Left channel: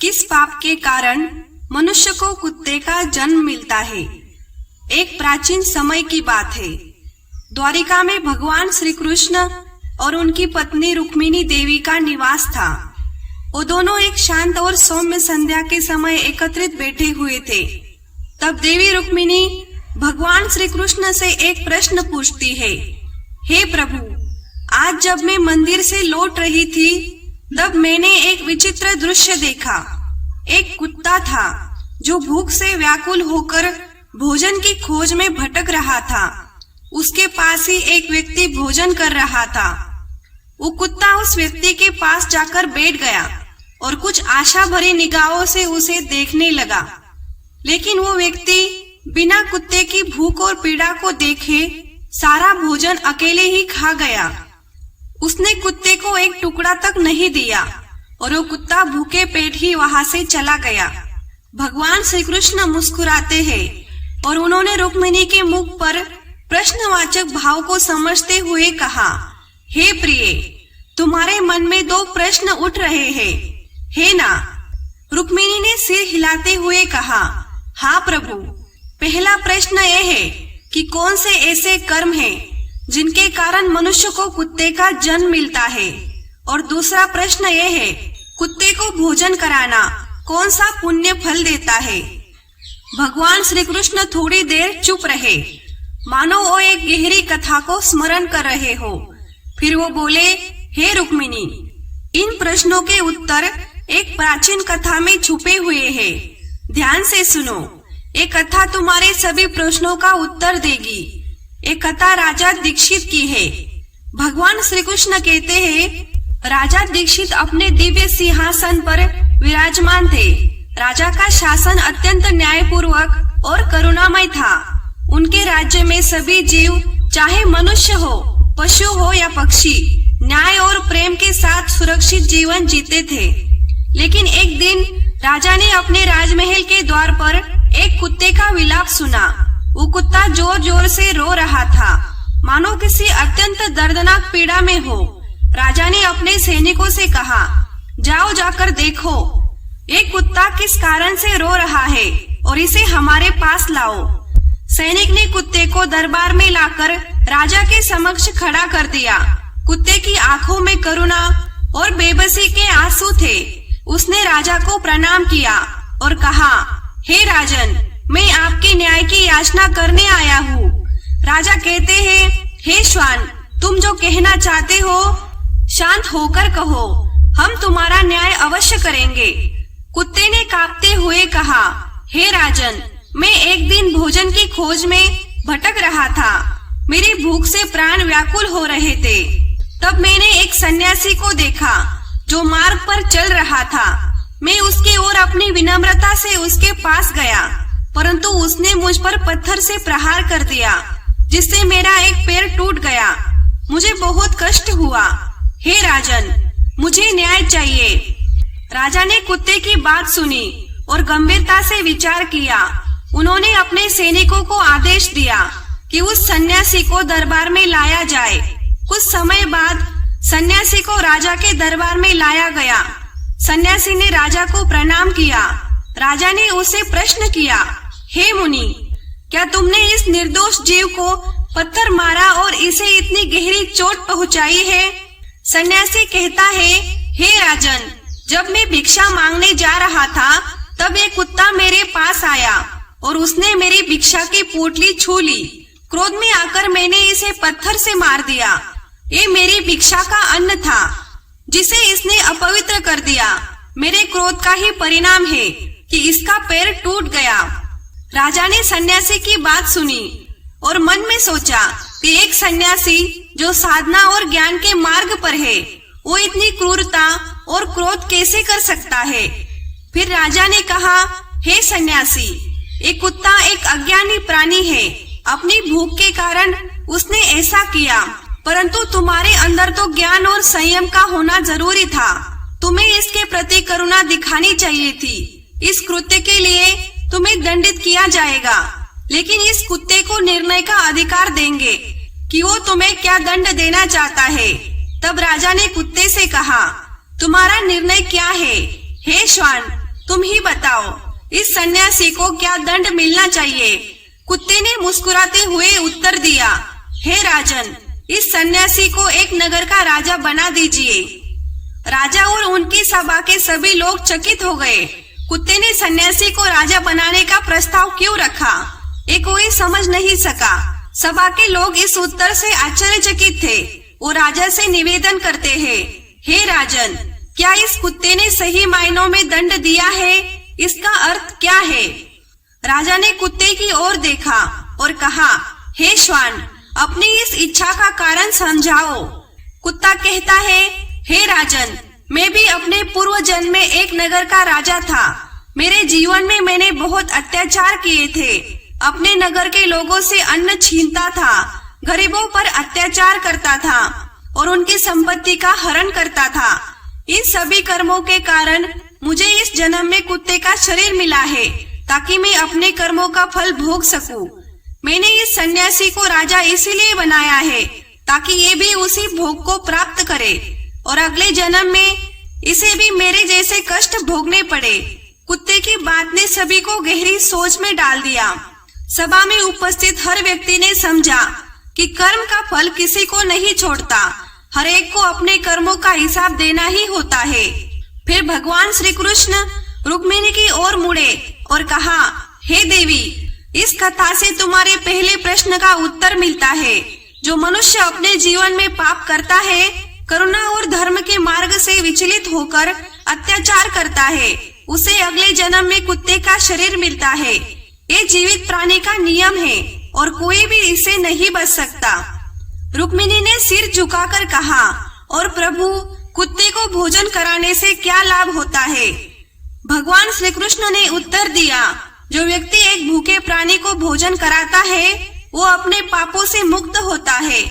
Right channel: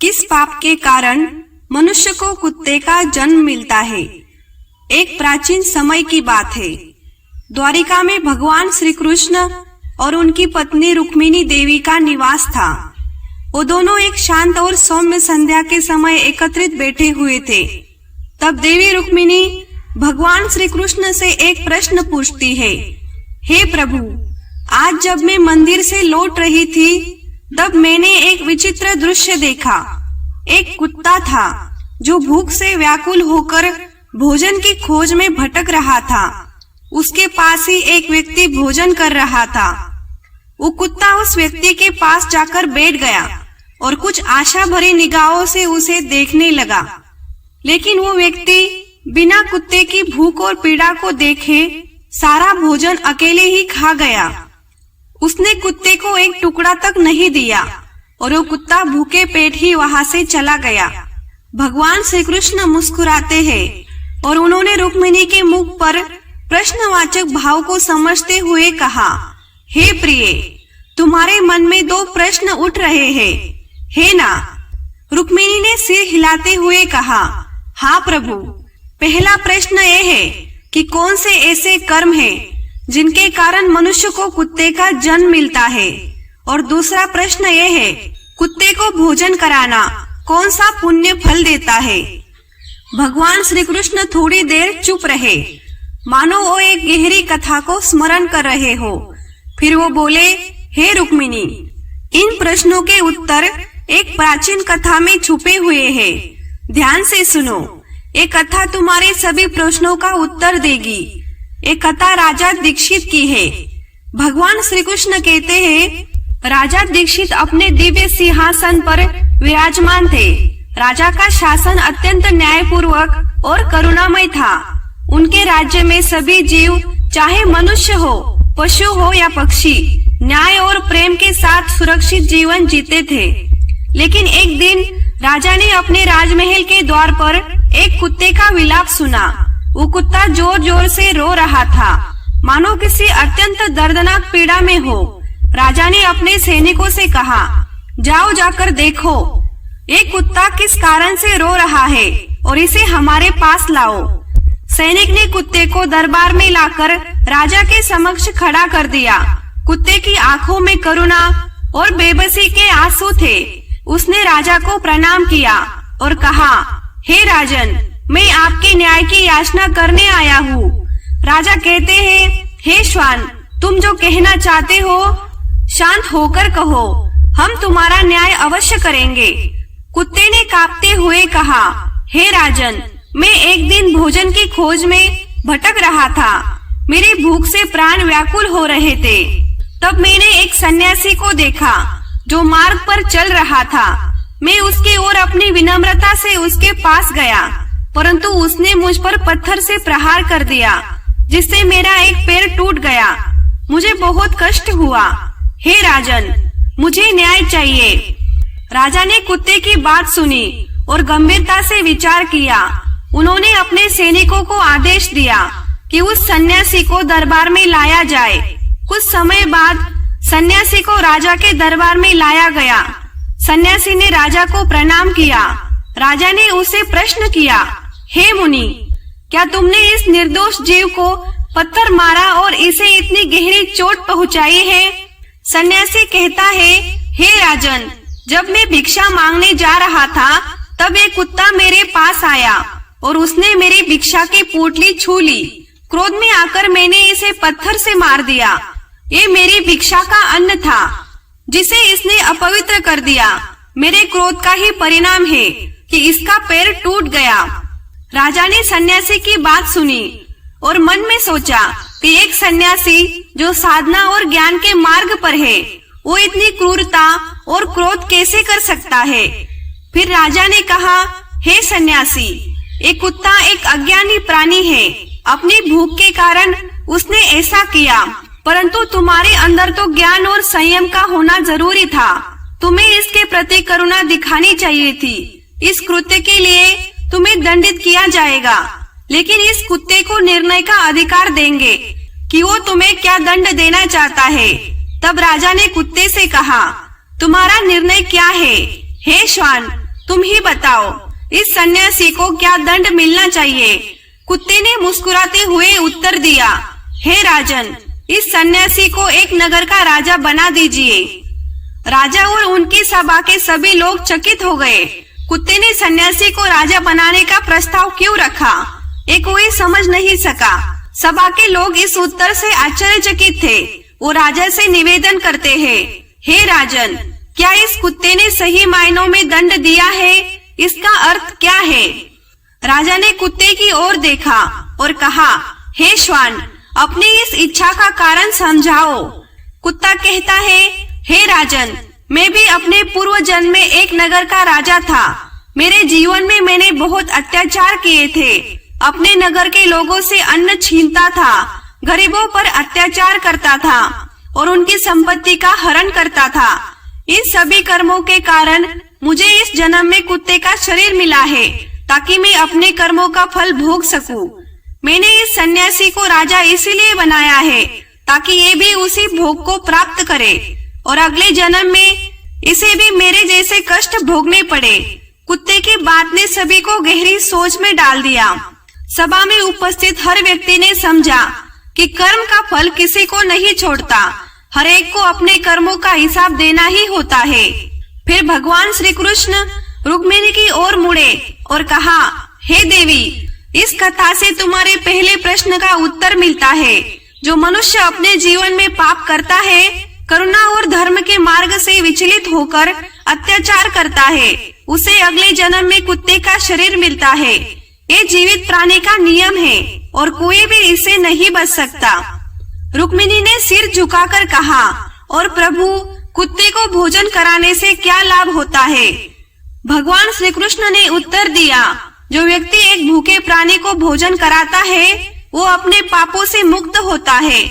किस पाप के कारण मनुष्य को कुत्ते का जन्म मिलता है। एक प्राचीन समय की बात है। द्वारिका में भगवान श्री कृष्ण और उनकी पत्नी रुक्मिणी देवी का निवास था। वो दोनों एक शांत और सौम्य संध्या के समय एकत्रित बैठे हुए थे। तब देवी रुक्मिणी भगवान श्री कृष्ण से एक प्रश्न पूछती है, हे प्रभु, आज जब मैं मंदिर से लौट रही थी तब मैंने एक विचित्र दृश्य देखा। एक कुत्ता था जो भूख से व्याकुल होकर भोजन की खोज में भटक रहा था। उसके पास ही एक व्यक्ति भोजन कर रहा था। वो कुत्ता उस व्यक्ति के पास जाकर बैठ गया और कुछ आशा भरी निगाहों से उसे देखने लगा। लेकिन वो व्यक्ति बिना कुत्ते की भूख और पीड़ा को देखे सारा भोजन अकेले ही खा गया। उसने कुत्ते को एक टुकड़ा तक नहीं दिया और वो कुत्ता भूखे पेट ही वहां से चला गया। भगवान श्री कृष्ण मुस्कुराते हैं और उन्होंने रुक्मिणी के मुख पर प्रश्नवाचक भाव को समझते हुए कहा, हे प्रिय, तुम्हारे मन में दो प्रश्न उठ रहे हैं, है ना? रुक्मिणी ने सिर हिलाते हुए कहा, हाँ प्रभु। पहला प्रश्न यह है कि कौन से ऐसे कर्म हैं जिनके कारण मनुष्य को कुत्ते का जन्म मिलता है, और दूसरा प्रश्न यह है, कुत्ते को भोजन कराना कौन सा पुण्य फल देता है। भगवान श्री कृष्ण थोड़ी देर चुप रहे, मानो वो एक गहरी कथा को स्मरण कर रहे हो। फिर वो बोले, हे रुक्मिणी, इन प्रश्नों के उत्तर एक प्राचीन कथा में छुपे हुए हैं। ध्यान से सुनो, ये कथा तुम्हारे सभी प्रश्नों का उत्तर देगी। ये कथा राजा दीक्षित की है। भगवान श्री कृष्ण कहते हैं, राजा दीक्षित अपने दिव्य सिंहासन पर विराजमान थे। राजा का शासन अत्यंत न्यायपूर्वक और करुणामय था। उनके राज्य में सभी जीव, चाहे मनुष्य हो, पशु हो या पक्षी, न्याय और प्रेम के साथ सुरक्षित जीवन जीते थे। लेकिन एक दिन राजा ने अपने राजमहल के द्वार पर एक कुत्ते का विलाप सुना। वो कुत्ता जोर जोर से रो रहा था, मानो किसी अत्यंत दर्दनाक पीड़ा में हो। राजा ने अपने सैनिकों से कहा, जाओ जाकर देखो ये कुत्ता किस कारण से रो रहा है और इसे हमारे पास लाओ। सैनिक ने कुत्ते को दरबार में लाकर राजा के समक्ष खड़ा कर दिया। कुत्ते की आंखों में करुणा और बेबसी के आंसू थे। उसने राजा को प्रणाम किया और कहा, हे राजन, मैं आपके न्याय की याचना करने आया हूँ। राजा कहते हैं, हे श्वान, तुम जो कहना चाहते हो शांत होकर कहो, हम तुम्हारा न्याय अवश्य करेंगे। कुत्ते ने कांपते हुए कहा, हे राजन, मैं एक दिन भोजन की खोज में भटक रहा था। मेरी भूख से प्राण व्याकुल हो रहे थे। तब मैंने एक सन्यासी को देखा जो मार्ग पर चल रहा था। मैं उसकी ओर अपनी विनम्रता से उसके पास गया, परंतु उसने मुझ पर पत्थर से प्रहार कर दिया, जिससे मेरा एक पैर टूट गया। मुझे बहुत कष्ट हुआ। हे राजन, मुझे न्याय चाहिए। राजा ने कुत्ते की बात सुनी और गंभीरता से विचार किया। उन्होंने अपने सैनिकों को आदेश दिया कि उस सन्यासी को दरबार में लाया जाए। कुछ समय बाद सन्यासी को राजा के दरबार में लाया गया। सन्यासी ने राजा को प्रणाम किया। राजा ने उसे प्रश्न किया, हे मुनि, क्या तुमने इस निर्दोष जीव को पत्थर मारा और इसे इतनी गहरी चोट पहुंचाई है? सन्यासी कहता है, हे राजन, जब मैं भिक्षा मांगने जा रहा था तब एक कुत्ता मेरे पास आया और उसने मेरी भिक्षा की पोटली छू ली। क्रोध में आकर मैंने इसे पत्थर से मार दिया। ये मेरी भिक्षा का अन्न था जिसे इसने अपवित्र कर दिया। मेरे क्रोध का ही परिणाम है कि इसका पैर टूट गया। राजा ने सन्यासी की बात सुनी और मन में सोचा कि एक सन्यासी जो साधना और ज्ञान के मार्ग पर है, वो इतनी क्रूरता और क्रोध कैसे कर सकता है। फिर राजा ने कहा, हे सन्यासी, एक कुत्ता एक अज्ञानी प्राणी है। अपनी भूख के कारण उसने ऐसा किया, परंतु तुम्हारे अंदर तो ज्ञान और संयम का होना जरूरी था। तुम्हें इसके प्रति करुणा दिखानी चाहिए थी। इस कृत्य के लिए तुम्हें दंडित किया जाएगा, लेकिन इस कुत्ते को निर्णय का अधिकार देंगे कि वो तुम्हें क्या दंड देना चाहता है। तब राजा ने कुत्ते से कहा, तुम्हारा निर्णय क्या है? हे श्वान, तुम ही बताओ, इस सन्यासी को क्या दंड मिलना चाहिए? कुत्ते ने मुस्कुराते हुए उत्तर दिया, हे राजन, इस सन्यासी को एक नगर का राजा बना दीजिए। राजा और उनकी सभा के सभी लोग चकित हो गए। कुत्ते ने सन्यासी को राजा बनाने का प्रस्ताव क्यों रखा, ये कोई समझ नहीं सका। सभा के लोग इस उत्तर से आश्चर्यचकित थे। वो राजा से निवेदन करते हैं, हे राजन, क्या इस कुत्ते ने सही मायनों में दंड दिया है? इसका अर्थ क्या है? राजा ने कुत्ते की ओर देखा और कहा, हे श्वान, अपनी इस इच्छा का कारण समझाओ। कुत्ता कहता है, हे राजन, मैं भी अपने पूर्व जन्म में एक नगर का राजा था। मेरे जीवन में मैंने बहुत अत्याचार किए थे। अपने नगर के लोगों से अन्न छीनता था, गरीबों पर अत्याचार करता था और उनकी संपत्ति का हरण करता था। इन सभी कर्मों के कारण मुझे इस जन्म में कुत्ते का शरीर मिला है, ताकि मैं अपने कर्मों का फल भोग सकूं। मैंने इस सन्यासी को राजा इसीलिए बनाया है, ताकि ये भी उसी भोग को प्राप्त करे और अगले जन्म में इसे भी मेरे जैसे कष्ट भोगने पड़े। कुत्ते की बात ने सभी को गहरी सोच में डाल दिया। सभा में उपस्थित हर व्यक्ति ने समझा कि कर्म का फल किसी को नहीं छोड़ता, हर एक को अपने कर्मों का हिसाब देना ही होता है। फिर भगवान श्री कृष्ण रुक्मिणी की ओर मुड़े और कहा, हे देवी, इस कथा से तुम्हारे पहले प्रश्न का उत्तर मिलता है। जो मनुष्य अपने जीवन में पाप करता है, करुणा और धर्म के मार्ग से विचलित होकर अत्याचार करता है, उसे अगले जन्म में कुत्ते का शरीर मिलता है। ये जीवित प्राणी का नियम है और कोई भी इसे नहीं बच सकता। रुक्मिणी ने सिर झुकाकर कहा, और प्रभु, कुत्ते को भोजन कराने से क्या लाभ होता है? भगवान श्री कृष्ण ने उत्तर दिया, जो व्यक्ति एक भूखे प्राणी को भोजन कराता है, वो अपने पापों से मुक्त होता है।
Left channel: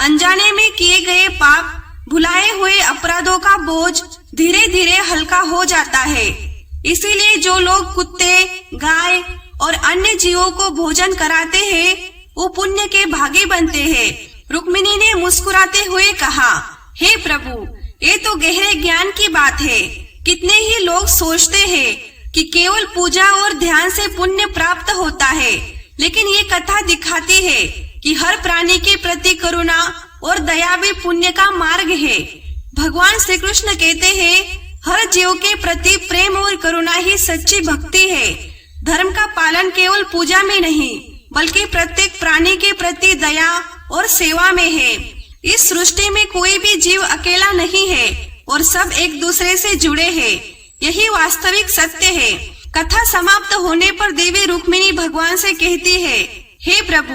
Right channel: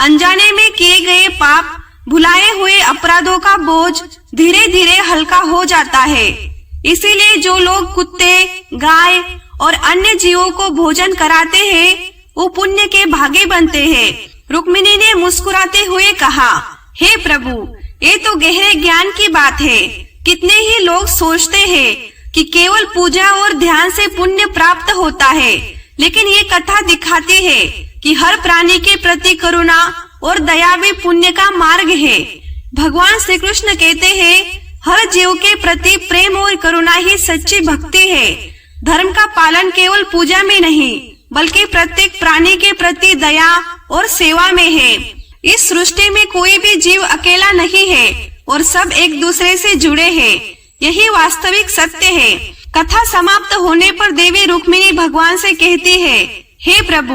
अनजाने में किए गए पाप, भुलाए हुए अपराधों का बोझ धीरे धीरे हल्का हो जाता है। इसीलिए जो लोग कुत्ते, गाय और अन्य जीवों को भोजन कराते हैं, वो पुण्य के भागी बनते हैं। रुक्मिणी ने मुस्कुराते हुए कहा, हे प्रभु, ये तो गहरे ज्ञान की बात है। कितने ही लोग सोचते हैं कि केवल पूजा और ध्यान से पुण्य प्राप्त होता है, लेकिन ये कथा दिखाती है कि हर प्राणी के प्रति करुणा और दया भी पुण्य का मार्ग है। भगवान श्री कृष्ण कहते हैं, हर जीव के प्रति प्रेम और करुणा ही सच्ची भक्ति है। धर्म का पालन केवल पूजा में नहीं, बल्कि प्रत्येक प्राणी के प्रति दया और सेवा में है। इस सृष्टि में कोई भी जीव अकेला नहीं है और सब एक दूसरे से जुड़े हैं। यही वास्तविक सत्य है। कथा समाप्त होने पर देवी रुक्मिणी भगवान से कहती है, हे प्रभु,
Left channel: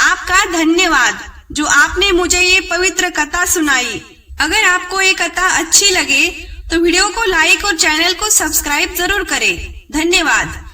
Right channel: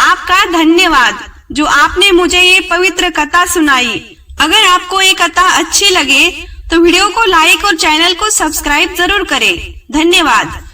आपका धन्यवाद जो आपने मुझे ये पवित्र कथा सुनाई। अगर आपको ये कथा अच्छी लगे तो वीडियो को लाइक और चैनल को सब्सक्राइब जरूर करें। धन्यवाद।